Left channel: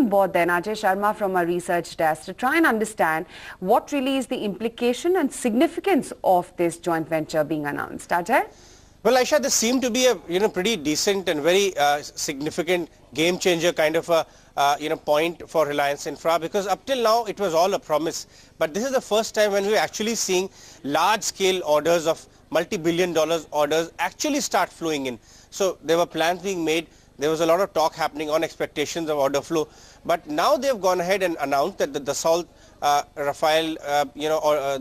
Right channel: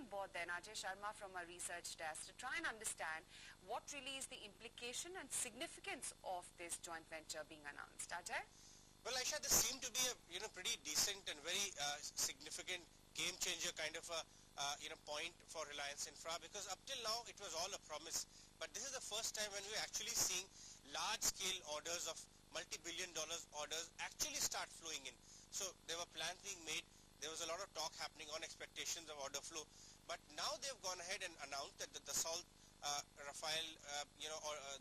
on board then Ajay Sharma from our research desk to try and understand what really is the implication and significance of this joint venture being announced. Ajay? Well, Aisha, this seemed to be a pretty decent and very significant game changer kind of a point for Reliance Infra, because up till now it was all a promise, but this is the first time when we're actually seeing large scale orders of multi-billion dollars orders actually start flowing in. So there were plans being made, there was a lot of talk happening on expectations of order flow, but now they've gone ahead and announced that the Dassault Rafale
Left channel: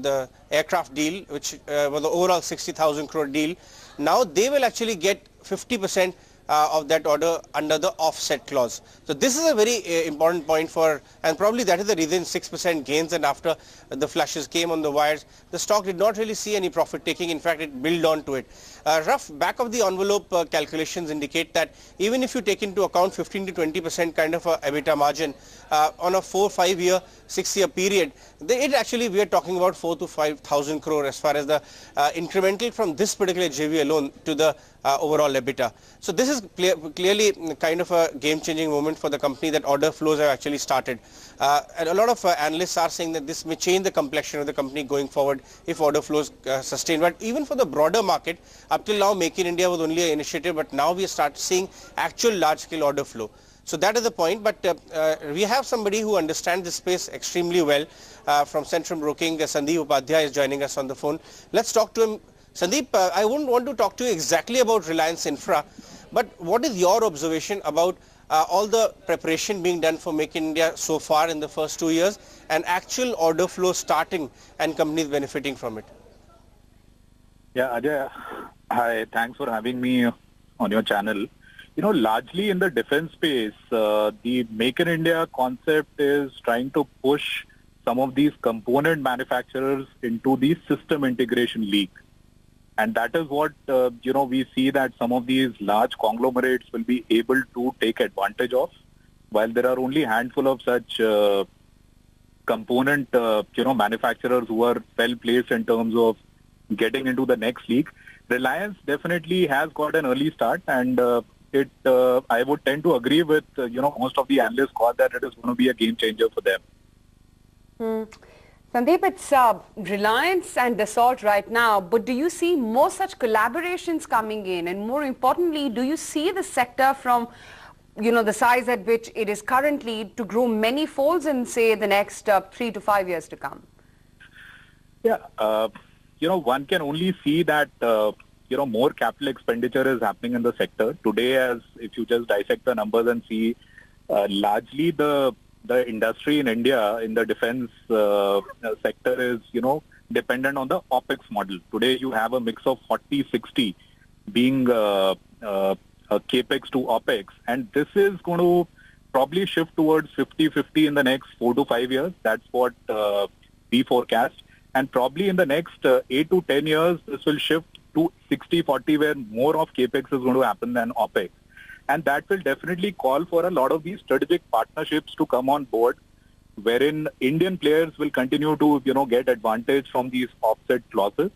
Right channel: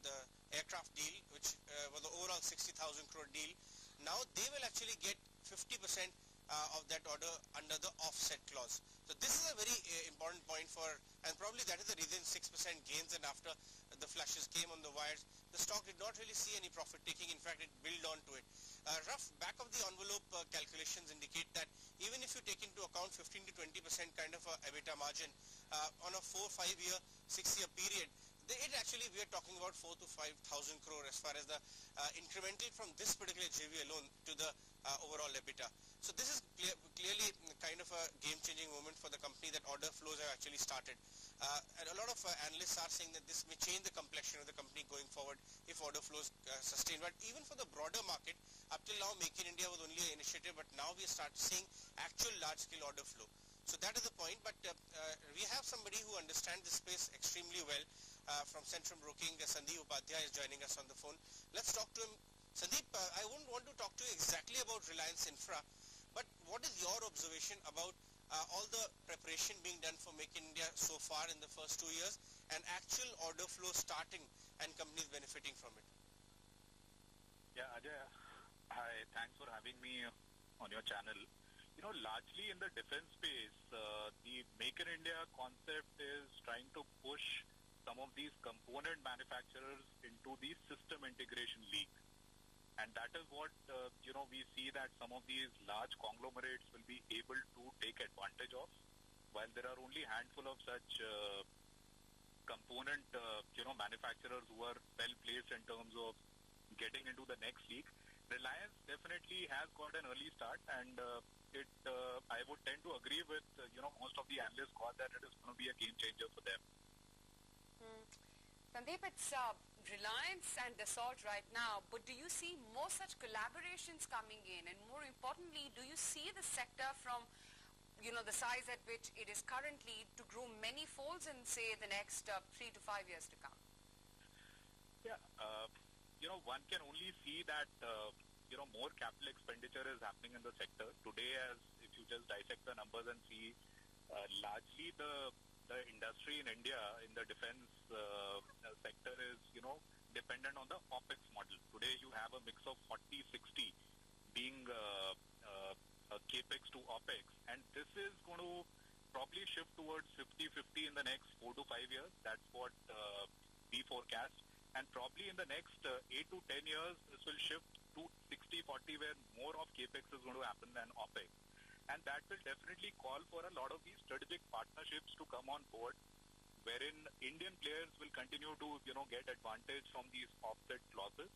the aircraft deal, which was the overall 60,000 crore deal, now they will actually get 50% of that order under the offset clause. So this is a very important point for, and probably that is the reason 6% gains, and after the flashes came on the wires, the stock did not really see any profit taking. In fact, it built on to it. Rough back of the envelope calculations indicate that even if you take into account 15 to 20% kind of a EBITDA margin on a 4, 5 year, 6 year period, it actually, we are talking about 4 to 5,000 crore as far as the incremental from this particular JV alone to the overall EBITDA. So this is clearly kind of a game-changing moment for the company, that order flows have actually started. And a lot of analysts are saying that this may change the complexion of the company going forward if order flows sustain. But even for the broader market, up till now Make in India was only an initiative, but now we start seeing actual large-scale order flow. So that is the point, but we have somebody who understands this space extremely well from Centrum Broking. Sandeep Upadhyay is joining us on the phone. Let's talk to him. Sandeep, I wouldn't want to talk to you exactly about Reliance Infra, but what is your observation about all the preparation being done for Make in India so far in the first 2 years, and actual order flow starting and companies benefiting from it? Yeah, Ajay, hi, thanks for having me on your channel. You know, largely in the defense space, the Make in India concept is trying to push some of these component manufacturers into the system integration league. And that is what, we see that some of these large conglomerates will be able to take advantage of, while there are only a handful of such component, manufacturers who are well placed in terms of getting into the next league. Reliance definitely has got an early start, and I would tend to agree with, most of the analysts call that it is going to be a game changer for them. Sandeep, it's Reliance and Dassault right now, but do you see more such collaborations coming in? And more importantly, do you see the sector from, the size at which it is currently to grow many folds in, say, the next 3 to 5 years to come? Yeah, one can only see that, more capital expenditure is happening in the sector. Today, as if you just dissect the numbers and see, largely the industry in India in the defense sector is, dependent on the OPEX model. Today, you have a mix of 40-60 being a CAPEX to OPEX. And this is going to probably shift towards 50-50 in the next 4 to 5 years. That's what we forecast. And probably in the next 8 to 10 years, this will shift to 60-40, where more of CAPEX is going to happen than OPEX. And that will definitely call for a lot of these strategic partnerships to come on board, wherein Indian players will continue to, get advantage from these offset clauses.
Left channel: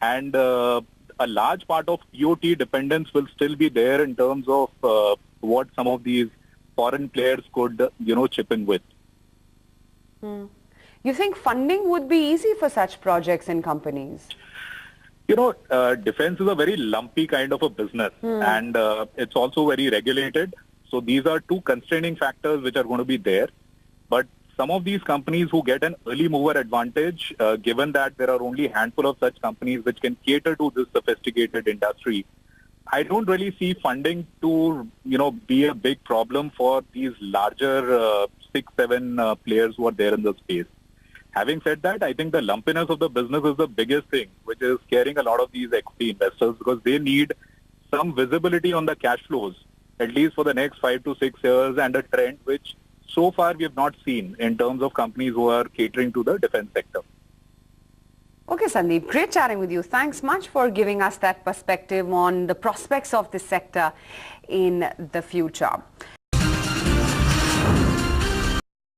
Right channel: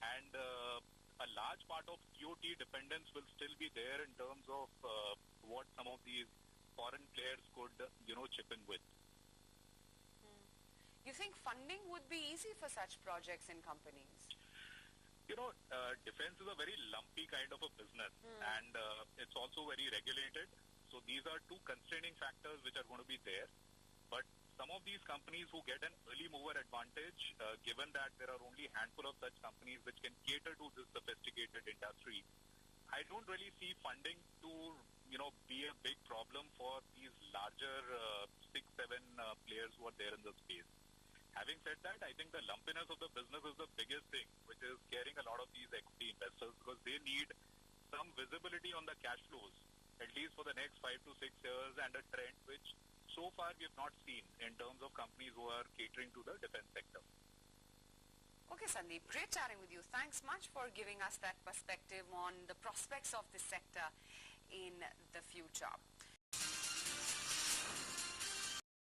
And a large part of TOT dependence will still be there in terms of what some of these foreign players could, chip in with. You think funding would be easy for such projects and companies? Defense is a very lumpy kind of a business, and it's also very regulated. So these are two constraining factors which are going to be there. But some of these companies who get an early mover advantage, given that there are only a handful of such companies which can cater to this sophisticated industry, I don't really see funding to, be a big problem for these larger 6-7 players who are there in the space. Having said that, I think the lumpiness of the business is the biggest thing, which is scaring a lot of these equity investors, because they need some visibility on the cash flows, at least for the next 5 to 6 years, and a trend which so far we have not seen in terms of companies who are catering to the defense sector. Okay, Sandeep, great chatting with you. Thanks much for giving us that perspective on the prospects of this sector in the future.